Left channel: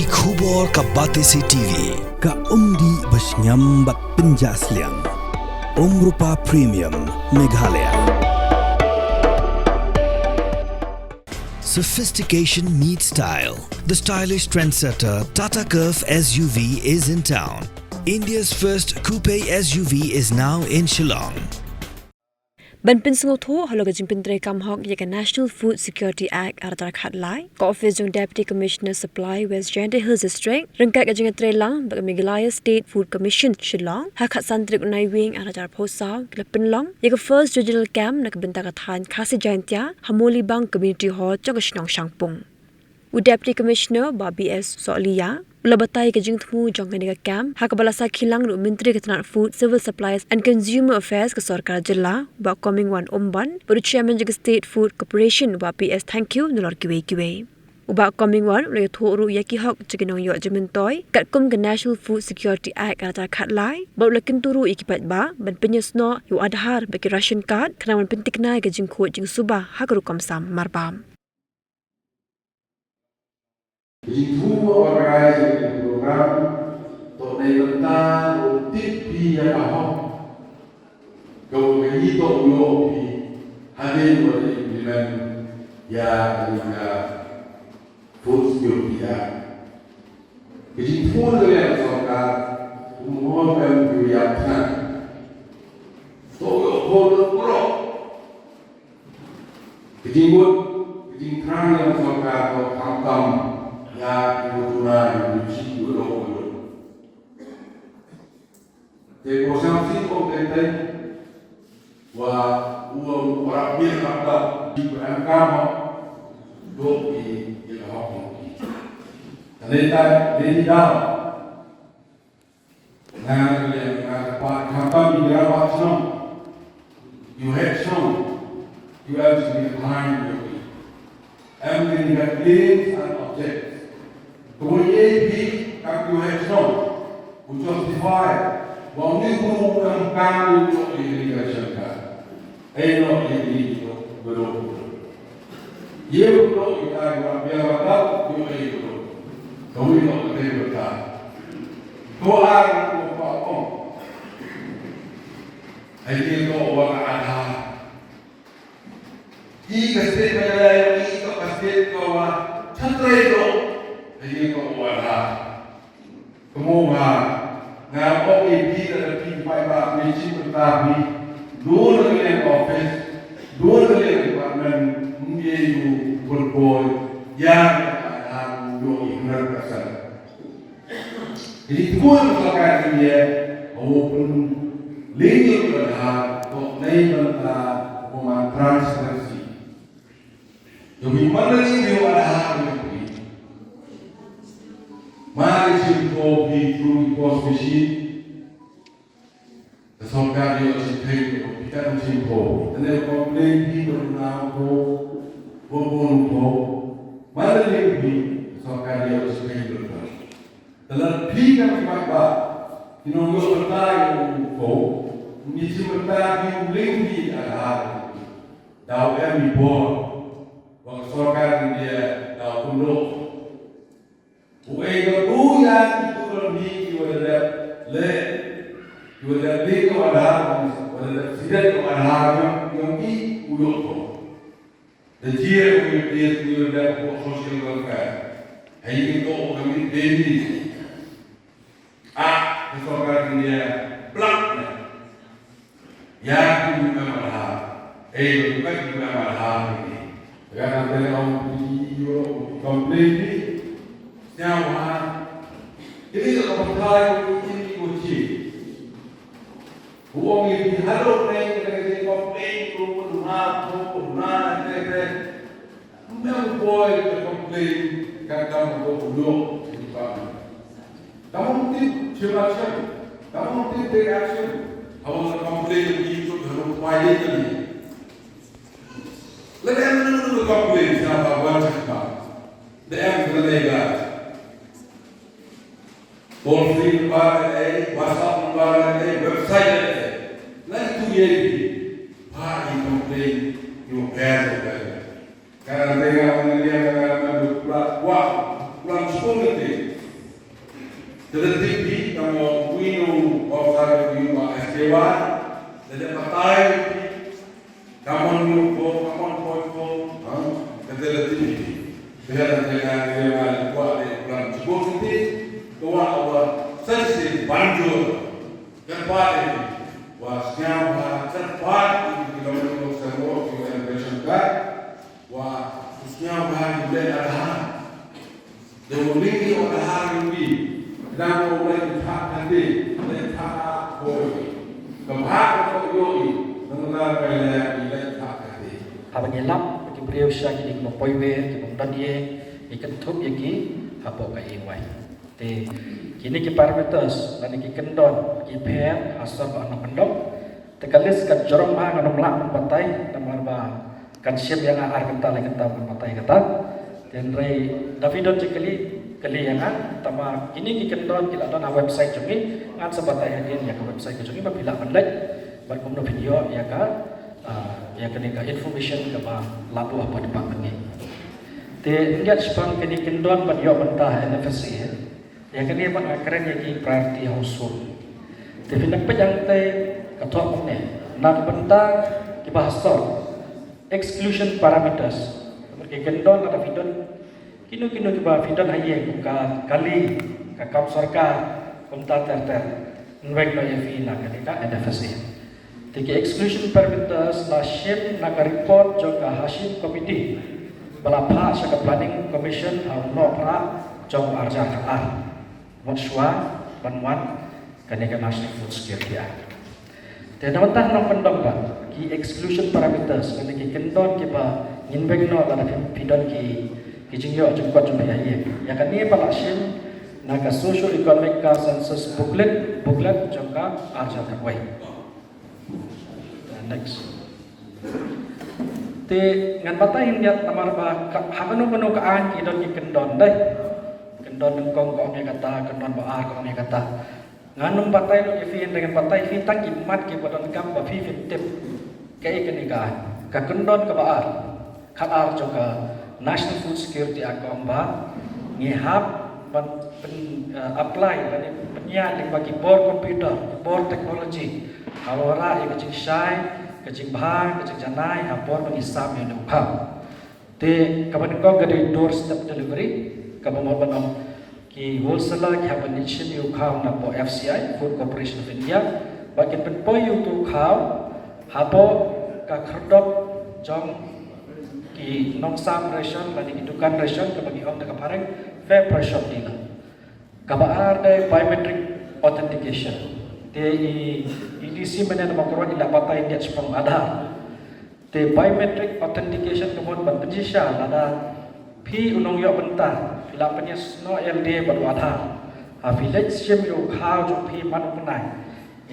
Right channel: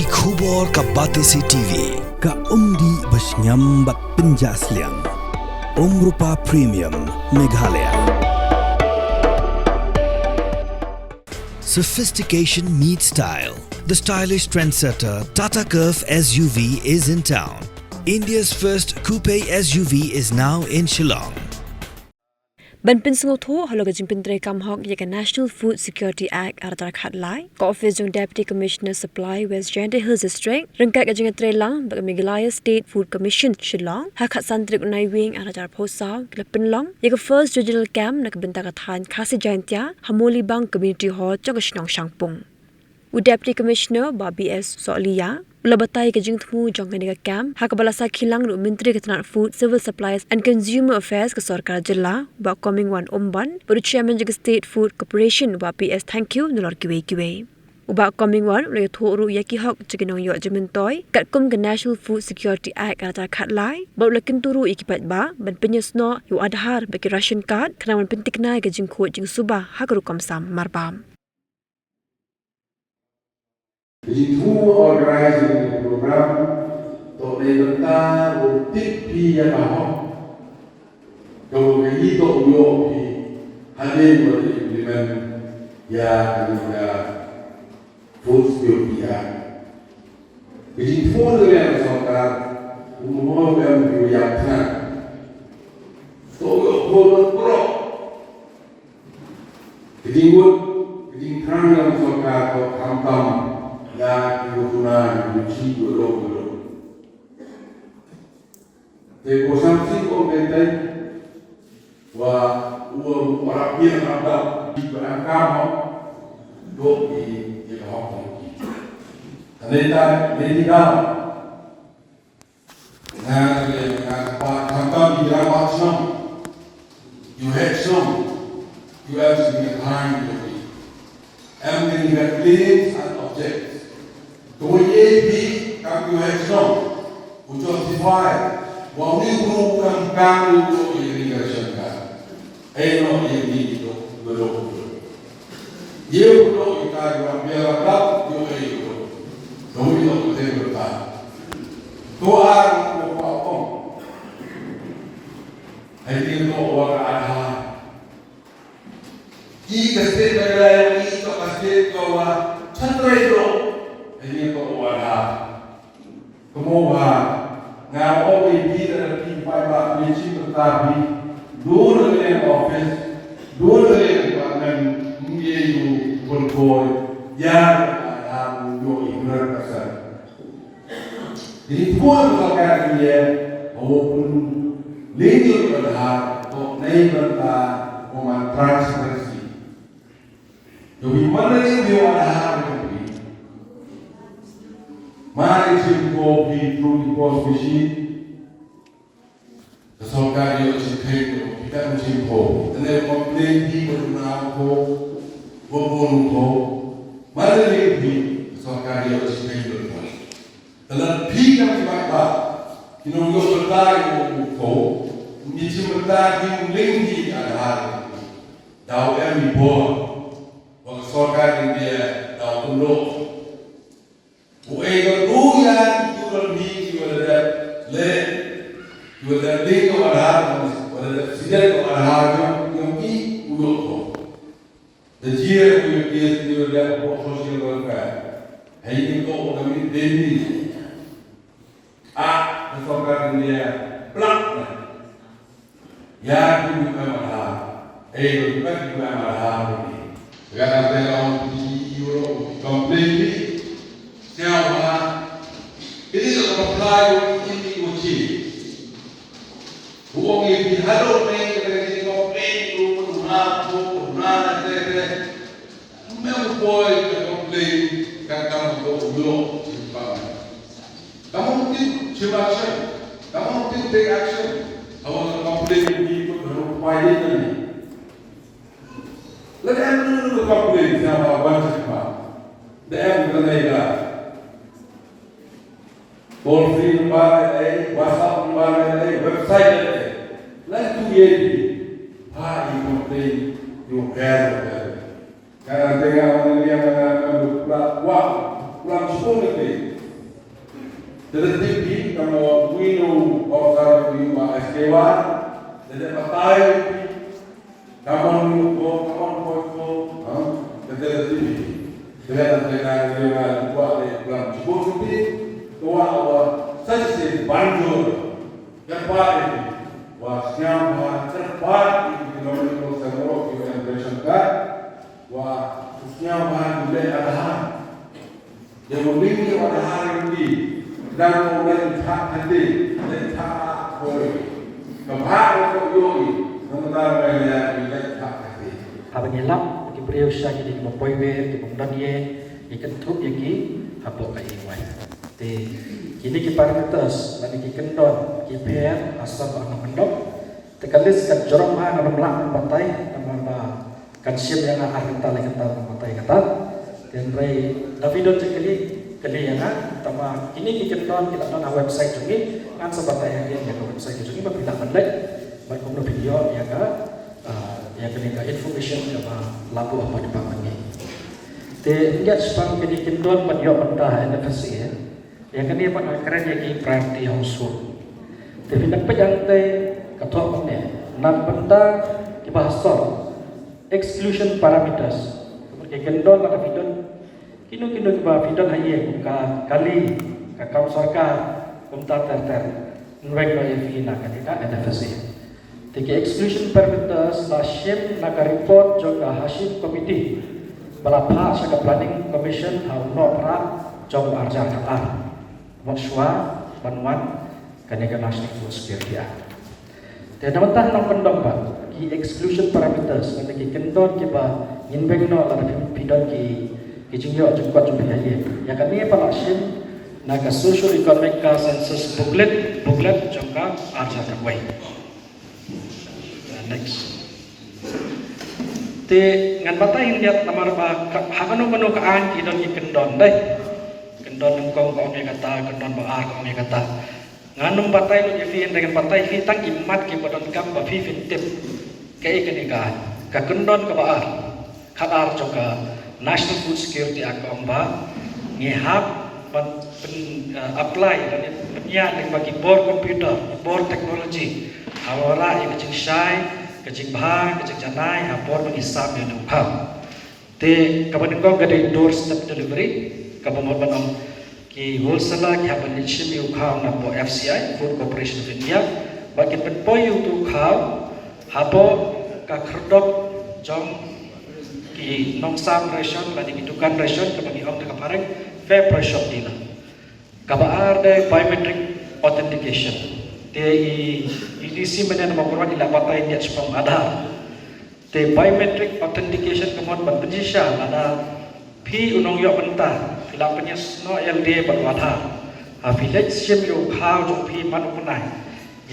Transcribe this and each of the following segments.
Ki khubor ka Batesi TV. Ka umdi basnyambak penjaslian. Rupa Premium Meghalaya. Sophistication meets style. The stylish trendsetter Tata Curve SUV is in town. India's first coupe SUV is now in Shillong. Ban pin singo tho haloga jimpin tre kam hok yeka National Food Security Act aratar khat lai ko office jong Deputy Commissioner Supply West Janda Hills District rengka ka jinga tre lang ba Meghalaya State Food Commission Shillong ha khat santrik unai wing aratar phosaw klapin long yeka first digital camp nak binta ka than khasi jaintia hamoli bang community hall chok shnong shangpung u Deputy Commissioner Bobby S Solia Ulabatai ka jingthmu jong ka camp ha ka balasa khilang ru Ministry ka Tanat Food Civil Supplies and Consumer Affairs ka sarkar jilla ba coming one umban bu chairman jig State Food Corporation ba PS thank you nulor kiwe uba coming one le thoru yaki hok chiginong yo jimin toy kat kum ka National Food Security Act ata khat lai ba lakin turu ikipat ba ban penyesno yu adhar ba ki ration card kana man pentiknai ka jingkho jing suba ha ka ru kamsam marbam Ibu organisasi program untuk tentang rutin yang ahok kalau ini tu yo hadir untuk implement ya juga food security ya. Jadi food yang sorka umum yang diyakan. So food pro. Jadi tang yang sorka atau kampam ya ibu tuna ibu cipu dulu. Jadi konsumsi konten wah uang orang biar ada di berangkat dok di Hong Kong. Ternyata ini dah. Nah, pak kampung di Rawat Song, you had some, you have to be behind the wheel. And then you have claims and objects. तो ये भी काफी है सो justify वाउनी प्रोग्राम काम जो इरिगेशन का एनो ये तो बरो ये तो इतना ग्राम ये वाला जो ये तो ये तो ते बता तो आ को पाओ आई तो और आधा ई कस्ते में लाए ई तो कस्ते तो वा छत्रे तो ini kok wala kemoga ngau ini dan tim payah misi bertabi dua yang office dua yang department menjadi kontrol yang ada dua ignorant kasar jadi kuat melakukan dia maupun legal berhak untuk naibanta umat transparansi jadi mana yang ada Mari simpo di through pos machine. Kesongkar dia simpo, kita simpo. Dan komplain di berenang ko, bobon ko. Mari di kesongkar dia simpo. Dalam pihak siapa, inong yo bertai ko, ni simpa yung lingki ada. Daw emi bo, wang kesongkar dia daw tulok. Uego yang itu lebih kepada le kepada dia kepada sidang kepada yang di ulo dan dia kepada social welfare hai itu kami deni kesokan dia plak yang juga mahal juga mahal ini karena dalam di ulo completely Siapa? Ini kalau apply ini kunci. Uang ini harus naik dari komplain itu penuh nanti. Memang boleh komplain kan kamu boleh simpan. Kamu mungkin coba action. Kamu mungkin take action. Awak komplain itu harus upaya ini. Lalu yang komplain siapa wajib pak? Dia berleda. Toll free number WhatsApp number website lain tu ye complain you have karena tengah orang dia pulang sekolah Terhenti kamu minum orang lima SDW, jadi pakai kamu lupa kamu foto, terhenti. Dengan kuat di dalam sebuah ini, kuat Allah sesi banjur cepat ini, wasnya cepat ini kilometer semua kilometer kan, wah khususnya mulai ada demolisi ada hari dan mulai tak nanti, tak boleh, kemana kau yogi, mengenal mulai tak nanti. Kabanyalang beliau siya kini mo poiwe mo danye ikan tuh yaki habo kai wai te kini ki parameters lani ki kendon ki pher asam ana kendok te kalis kan jorong ma ngam lang patai tam ba kan siap yang ar kenta le kenta patai kata dan rai Davidon kali yang tama kini ki kendon kita na website jungi ngan sebatai yang ke website jungi ba bilang mandai bar kumno video ya ka yang ketika information apa lalu apa department ni. Enggak sepang kini kendon banyak mentah NFC ya. Yang kini apa keren yang priority household. Tapi nak pejantai ketua ni nak benda dibahas exclusion parameters. Yang kendon atau vidon kini dibahas vidon hanya kali kakau sarkar kumta terter mereka yang fina ketika NFC. Tiga exclusion parameters Hashim naga report juga Hashim committee berapa sebagai planning commission harus pra jom arja khar monswa banwan kanega national food security act. Dan nonton nong pendong ba ki exclusion parameters kena ki kenton ki ba inbek no ada pidon ki jingyo jengkot jumpa ya ya kan ni pa Hashim naga social economic census booklet juga arja khar. Next. Te ngan batai yang dia namar ba hakano kono kaan idon ki kendon dai. Kendon kong kong ni kata kendon ba kong ni kata. Nganum batai lo ki dengan batai fi tang imat ki bodon kam ba fi fitip. Kai keniga ka kendon ka ba khabar juga National Food Security Act ba ngihap apply dan penyiar bagi board komputer, board teknologi. Awalnya yang kecil syai, kecil bah, kecil janai, apor mengisap yang nampak. Te kapan kau gede doorstep delivery, kapan mau banam ki wholesaler ki haban nichin yu kau napo FCI, Food Corporation of India, bagi penpoy tu kau, hapo kakerdok jom ki nongsam ration, lagi kidukan ration, kabagi om dekapareng, fair price shop dina. Kabar ada biometric authentication. Di EDC mana nama korban ila batai dia sepong ada. The biometric authentication kemudian berpenjisah ada pi unong yo benta ila penyes no yang dia baru ada. Village sim yo kau jo pi manu kunai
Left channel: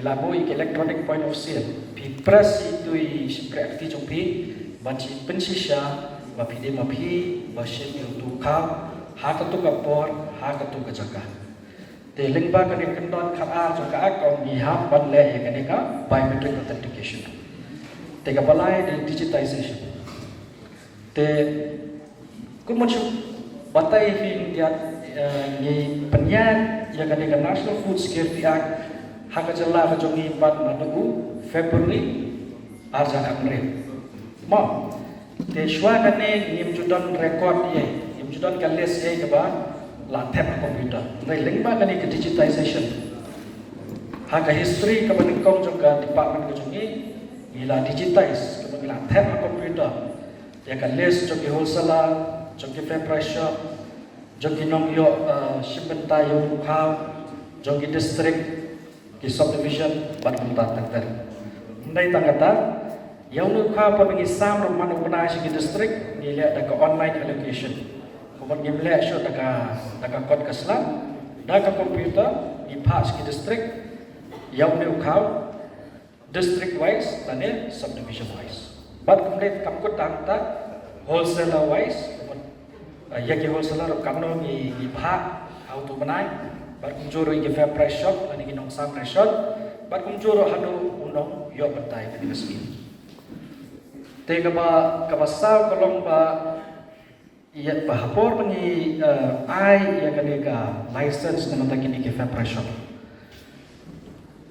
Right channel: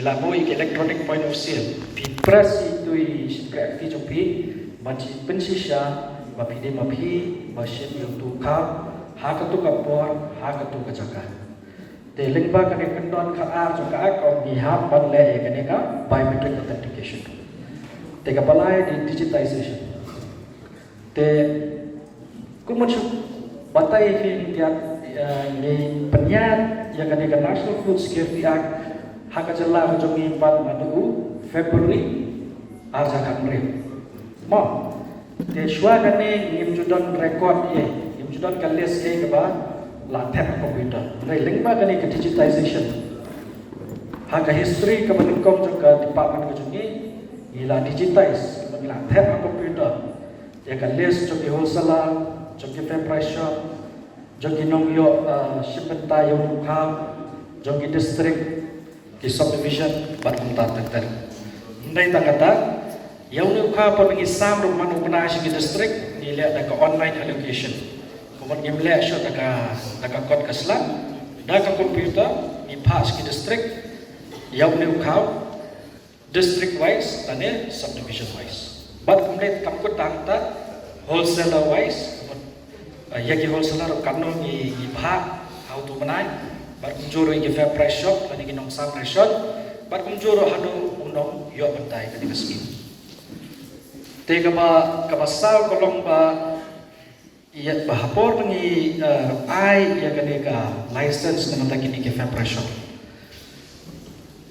ila boy electronic point of sale pi press itu seperti jo pi banci penjisah mapi dia mapi basim yo tu kau hakatu kapor hakatu kajakan. Lingba kani kendon khar juga kau miham banle kani ka biometric authentication. Tega balai di digitization. Te kumacu batai fi dia ni penyan yang kani ka National Food Security Act hak jala kejungi 4 madu February arja kamre. Mo te shwa kani nim judon record ye nim judon kales ke ba laptop komputer. Lingba kani ke digitization. Hak history kemudian juga department kejungi ila digitize kemudian laptop komputer. Dia kan list jogi wholesaler, jogi fair price shop, jogi nongyo shipment tayo kau, jogi district di subdivision baru tertentu. Indai kata yang lu kau pengisam rumah rumah segi district nilai ada ke online allocation. Kemudian nilai show daga kod keslam, daga komputer di pas ke district yang lu kau district wise dan subdivision wise. But kemudian takut tanta wholesaler wise, ya ki wholesaler kanu di bah auto menai, berkunjung di fair price shop, dan di nong sam price shop, berkunjung hadu nong yo bentai ke diski. Tega ba kabasau kolom ba ia bahapor ni ai ia kanega license na kini ke fair pressure.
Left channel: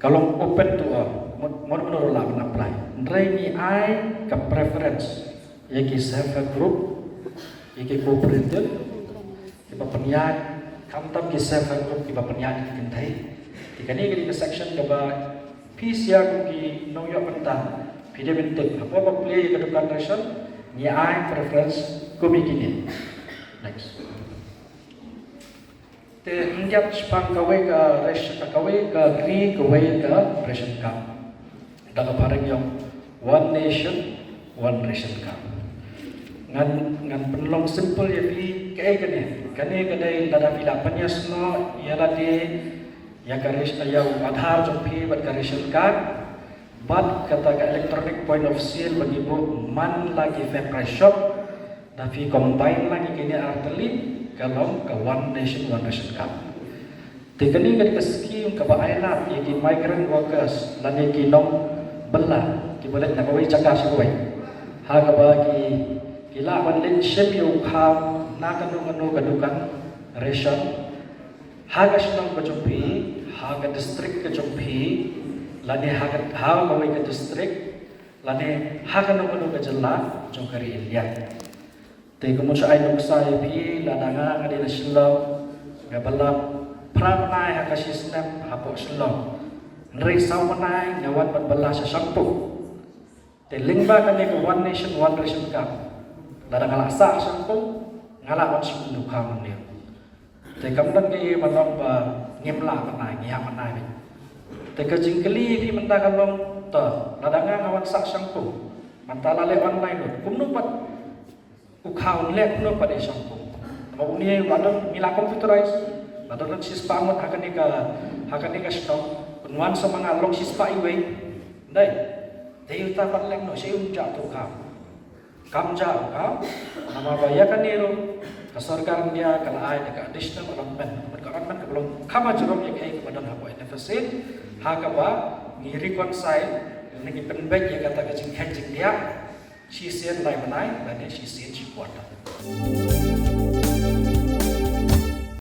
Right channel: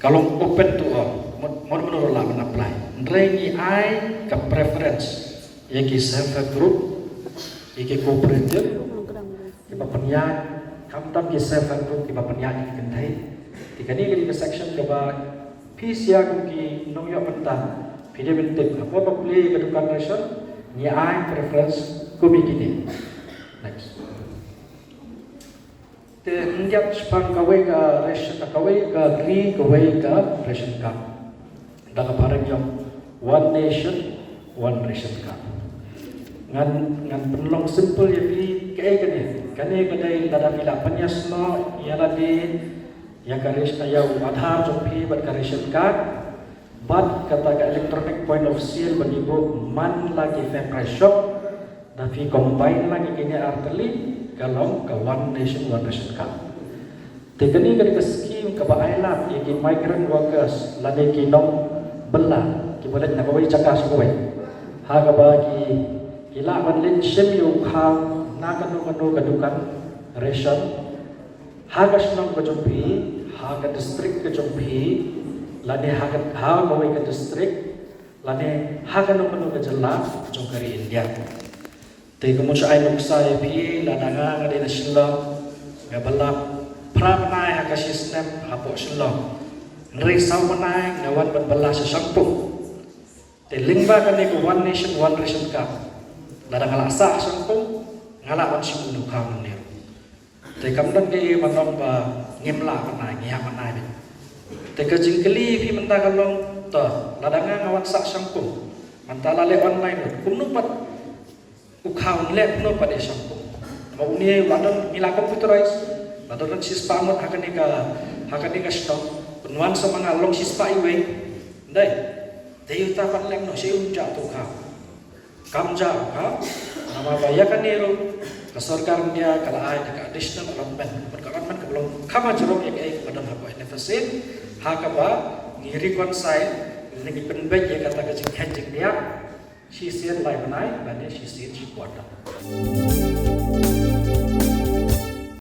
Kalau open tu mau lah apply. Ndrai ni ai ke preference ia ki self group, ia ki cooperative, kita penyan kamtam ki self group kita penyan ki kentai. Ikani ke section keba peace ya ki noyo pentang. Pide bentuk apa play ke depan pressure ni ai preference ko begini. Next. Te injap spang kawai ke ration kawai ke ri kawai ke ration card. Dalam barang yang one nation one ration card. Ngan penlong simple ya pi kai kani dalam ilapan ya semua ialah di ya garis ya Aadhaar jopi buat ration card. But kata electronic point of sale beribu man lagi fair pressure, tapi combine lagi kini arteli kalau ke one nation one ration card. Tekani ke skim ke Island yang migrant workers lagi kinong bela kibalat nak kawai cakap sekoi. Harga bagi kila manlin shemi ukang nak kanu kadukan ration. Harga senang kejumpi, harga distrik kejumpi. Lani hagan kawai ke distrik, lani hagan nomor ke jelak jongkari India. Tapi kemudian saya nuksa pi ladanga ngadi nasional ngabalap pramai haga sistem hapok selong. Ngeri samanai ngawan berbela sesuatu. Tapi lingba kan ke one nation one ration card. Ladang alasa sesuatu ngalak si unu kamu ni. Tapi kemudian ke mandang ngimla mana ngiamanai. Teka jingkeli pi mentah kalong ta ladangan ngawan sak sangku mentala le online kunung pat ukau le kunung pat sangku mau ni ladang mila computerize ladang sispa amat akan ni ka stop kunwan sama ngalong sispa iwe dai dei ta pat le no sei unja tu ka kamja ka nama bayakan ni ro kesorkan dia kala ai dekat additional allotment berkaman belum kama jerong yang ai pada apa deficit hakaba ni reconcile ni penbek ya kata kajing hedging dia si sian lai manai dan si sian si kuat.